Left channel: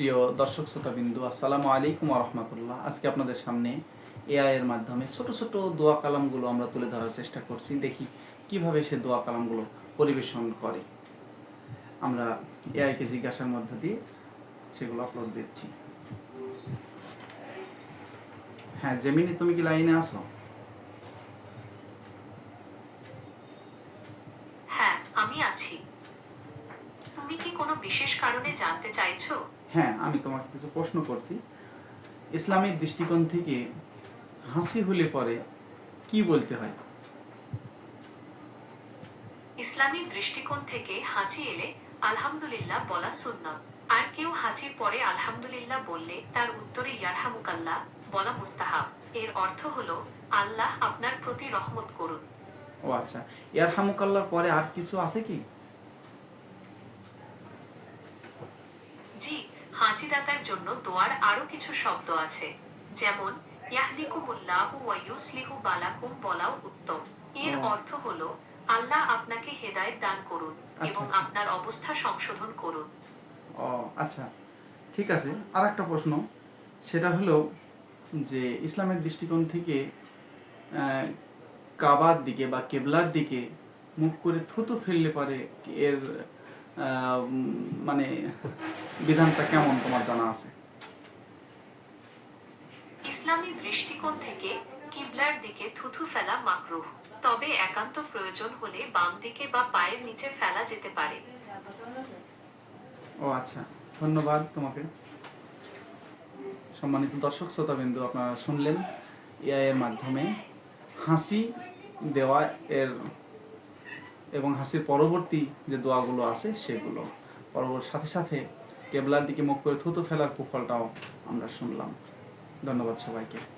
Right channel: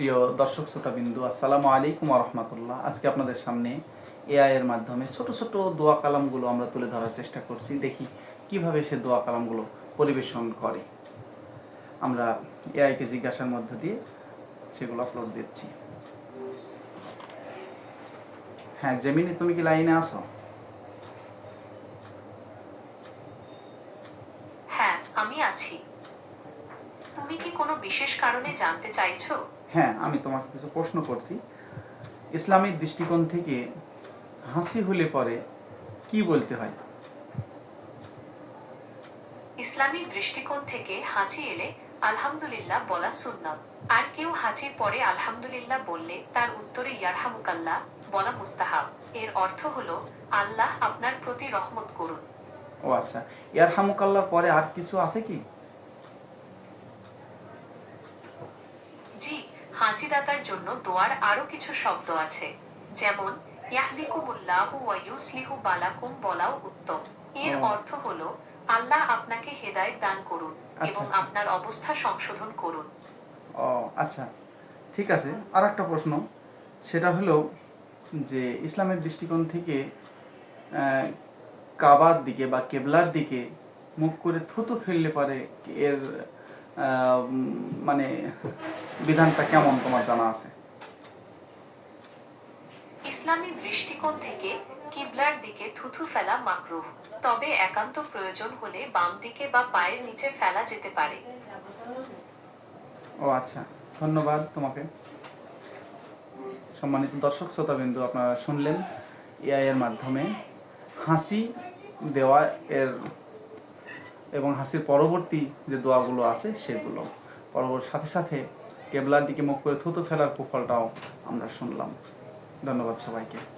প্রিয় দর্শক শ্রোতাবিন্দু, আসসালামু আলাইকুম রহমতুল্লাহ। আজকে আপনাদের সামনে এআই এর মাধ্যমে ছোট ছোট দোয়া কালামগুলো আমরা তুলে ধরার চেষ্টা করছি। দেখি কীভাবে সে দোয়া কালামগুলো পরিবেশন করে। আমরা এআইকে জিজ্ঞাসার মধ্য দিয়ে সেগুলো আপলোড দিচ্ছি। হ্যাঁ জেমিনি, তুমি কি লাইনে আছো? হ্যাঁ আমি আছি। তুমি কি কোনো বিশেষ কারণে জানতে চাইছো? হ্যাঁ আমি তোমাকে কিছু প্রশ্ন করছি। ইসলামের দৃষ্টিকোণ থেকে হাসি হলে পরে কি বলতে হয়? ইসলামী দৃষ্টিকোণ থেকে হাঁচি এলে আলহামদুলিল্লাহ বলা সুন্নাত আর কেউ হাঁচির পরে আলহামদুলিল্লাহ বললে তার উত্তরে ইয়ারহামুকাল্লাহ বলা মুস্তাহাব। এর অর্থ হলো আল্লাহ আপনার প্রতি রহমত করুন। ও আচ্ছা ইয়ার হামুকাল্লার পরে আর কিছু আছে কি? জি হাঁচিদাতার জন্য দোয়ার আরও কিছু শব্দ আছে। যেমন ইয়াহদিকুমুল্লাহু ওয়া ইউসলিহু বালাকুম বলাও উত্তম। এর অর্থ হলো আল্লাহ আপনাকে হেদায়েত দান করুন এবং আচ্ছা। আপনার অবস্থা সংশোধন করুন। ও আচ্ছা। ঠিক আছে আর একটা প্রশ্ন। সেটা হলো যে ইসলামের দৃষ্টিকোণ থেকে কাবার দিকে বা কেবলার দিকে মুখ করে থুতু ফেললে পারে এর মানে বিধানটা কেমন তোমার জানা আছে? ইসলামী দৃষ্টিকোণ থেকে কিবলার দিকে থুথু ফেলা মাকরুহ। তবে একান্ত প্রয়োজন হলে বাম দিকে বা পায়ের নিচে ফেলা যেতে পারে। ও আচ্ছা ধন্যবাদ তোমাকে। সম্মানিত দর্শক শ্রোতাবিন্দু আপনারা শুনলেন এআই এর মাধ্যমে হাসি দেওয়া এর এবং হাসির পরবর্তী যে দোয়াগুলো আছে সেগুলো। পরবর্তী সাথে সাথে কেবলার দিকে মুখ করে থুতু ফেলার কুফলটাও আমরা শুনলাম। ধন্যবাদ সবাইকে।